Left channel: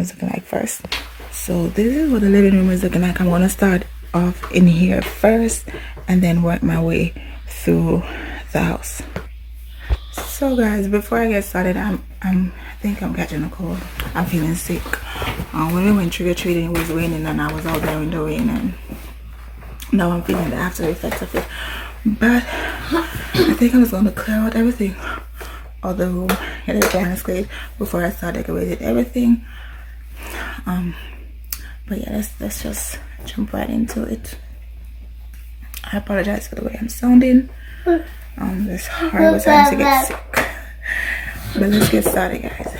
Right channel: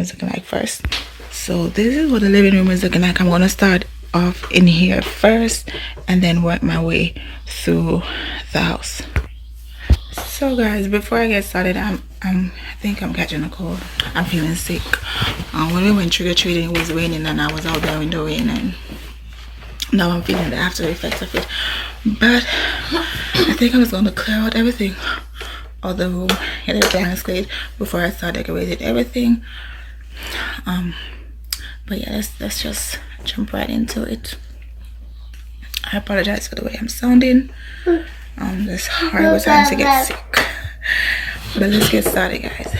is looking like first. So this is what the living room is looking like. I'm gonna start off in here first and then work my way through the house. So guys, before I get started, I think I'm catching a cold. I'm feeling sick. When we went trick-or-treating, it was raining and I was out there in the rain, and now I'm feeling the after effects of it. But I think I'm just gonna clear out everything of the room, get it blank slate before I start decorating everything. But yeah, let's just jump right into it. I apologize for the way I'm sounding. This horrible time to get sick. But let's get started, guys.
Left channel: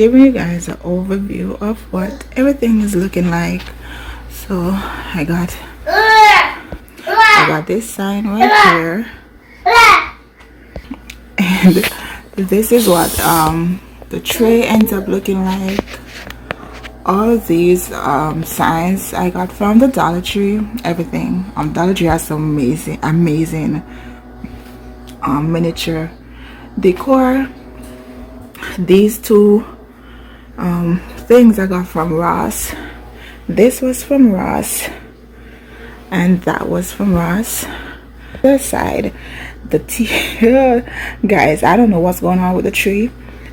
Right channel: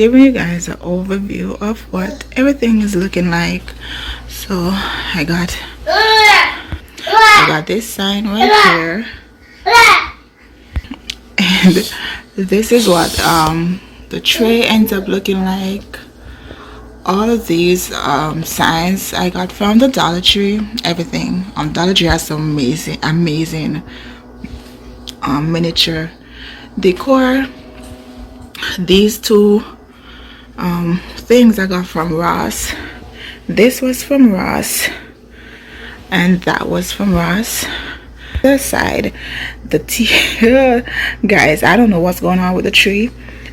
giving you guys an overview of what everything is looking like. So I got this sign right here, and this is what the tray ends up looking like all of these signs I got from the Dollar Tree. Everything Dollar Tree has some amazing miniature decor. These two things I got from Ross. This was from Ross and that was from Ross. The side, the guys, I don't know what's going on with the tree.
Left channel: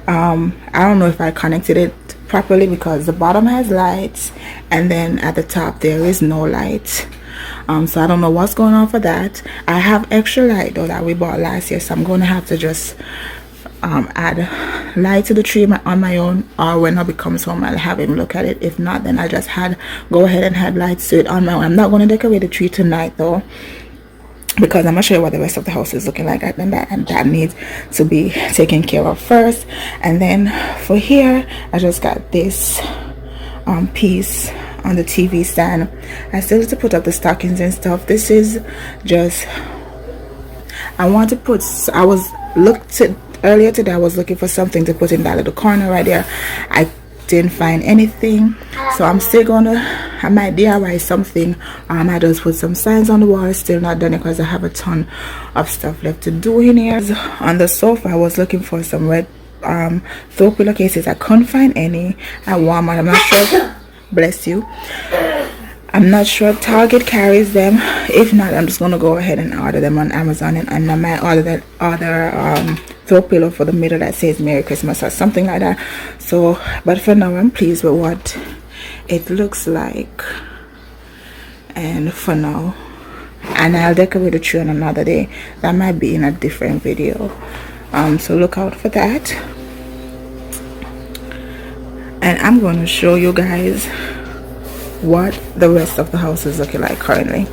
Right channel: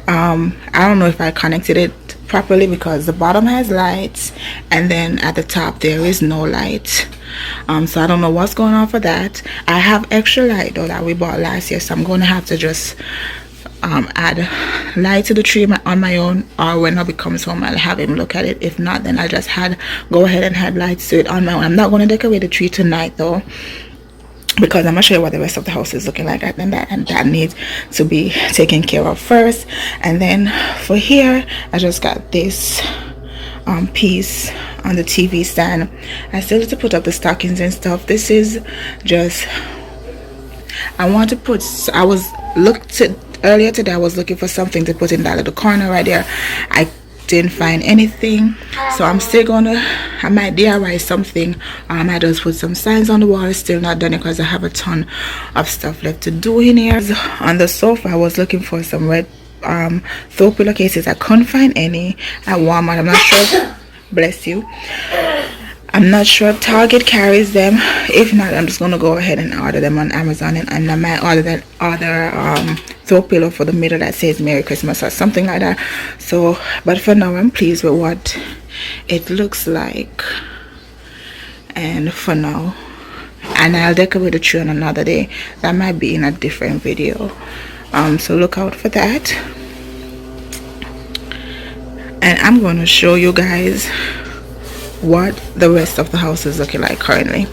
I don't know if I connected it properly because the bottom has lights and then at the top there is no light. So I don't know what's going on for that. I have extra light though that we bought last year, so I'm going to have to just add light to the tree on my own, or when Hubby comes home I'll have him look at it. If not, then I'll just go ahead and add lights to it on my own. I'm not going to decorate the tree tonight though, because I'm gonna show you what the rest of the house is looking like, and that needs to be taken care of first. And then for here, I just got this piece on the TV stand. I still need to put up the stockings and stuff. This is just, I want to put, earlier today I was looking for something to put in that little corner right there. I didn't find anything, so I'm still gonna, I might DIY something. I might just put some signs on the wall. It's still not done because I have a ton of stuff left to do in here. On the sofa I was looking for some red throw pillowcases. I couldn't find any at Walmart. I'm not sure. Bless you. I'm not sure Target carries them. If not, I'm just gonna go ahead and order them on Amazon, and I might order that other throw pillow for the middle that says Merry Christmas or something like that. So, but for now I'm pleased with what it looks like, and for now, and I'll decorate the tree on another day. That might be in a different video, so look out for that. And I'm going to show you guys what the rest of the house is looking like currently.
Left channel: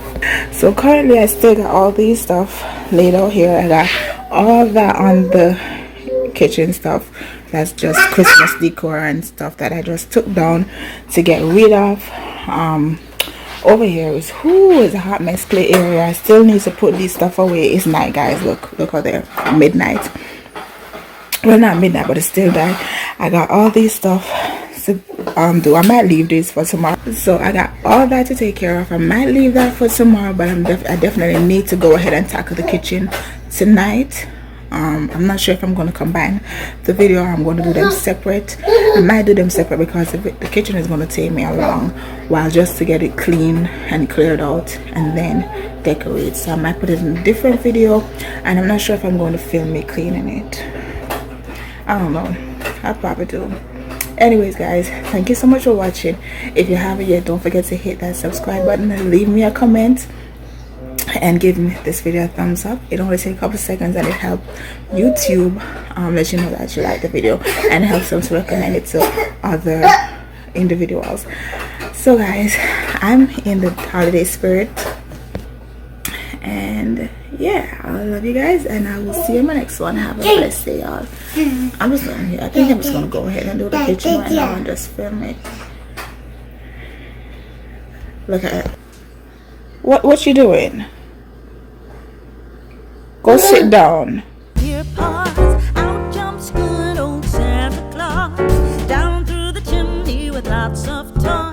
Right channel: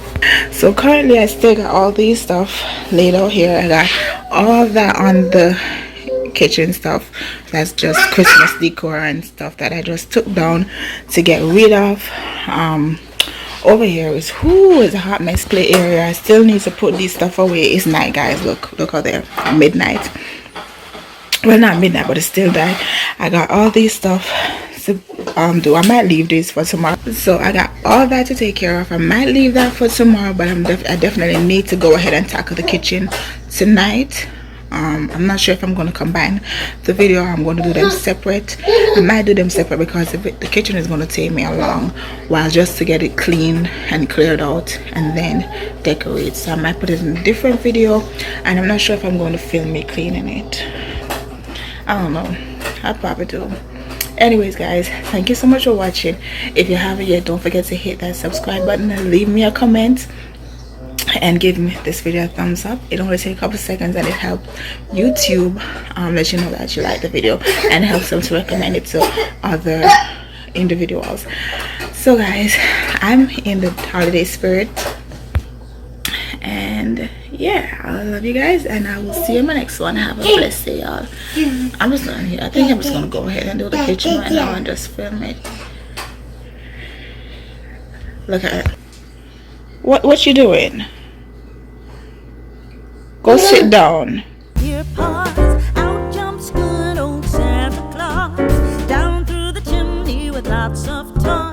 So currently I still got all these stuff laid out here. I got all that on the kitchen stuff. That's just Christmas decor and stuff that I just took down to get rid of. Over here is a hot mess play area. I still need to put this stuff away. It's night, guys. Look out there, midnight. Well, not midnight, but it's still dark. I got all these stuff to do. I might leave this for tomorrow, so I got all that to take care of. I might leave that for tomorrow, but I definitely need to go ahead and tackle the kitchen tonight. I'm not sure if I'm going to combine the video or I'm going to do them separate. I might do them separate because the kitchen is going to take me a long while just to get it clean and cleared out and then decorate. So I might put it in a different video, and I'm not sure if I'm going to film me cleaning it. I don't know. I'll probably do. Anyways, guys, thank you so much for watching. If you haven't yet, don't forget to hit that subscribe button and leave me a comment and give me this video a thumbs up. It only takes a couple seconds, and it helps YouTube let you know that you like the video, and helps them to recommend it to other individuals. So guys, I'm in the holiday spirit, and yeah, I love you guys, and I will see you in my next one. Have a blessed day, y'all. I'm just done here. I think I'm just gonna go ahead and do the kitchen right now and just film it. Look at it. What you doing? Go sit down. Dear paws, out jumps good old Santa Claus, down through the chimney with lots of toys.